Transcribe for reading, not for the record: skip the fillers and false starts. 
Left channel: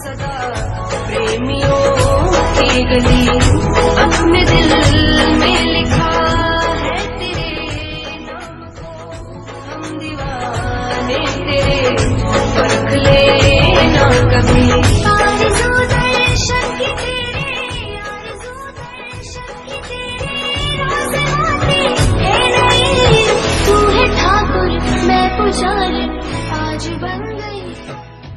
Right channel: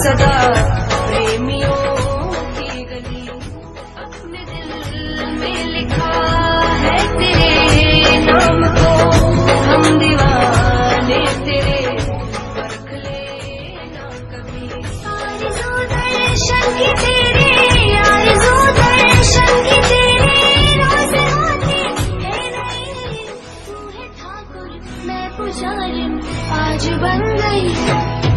सदा प्रेमियों की गली। अपने दिल में लिखा है तेरे नाम को, हम दीवाने तेरे, परख लेना कभी। आरज़ू दर्शन की तेरे, आरज़ू दर्शन की तेरे, रोज़ आती है नई। तू है ठाकुर मैं पुजारिन, आज बन गई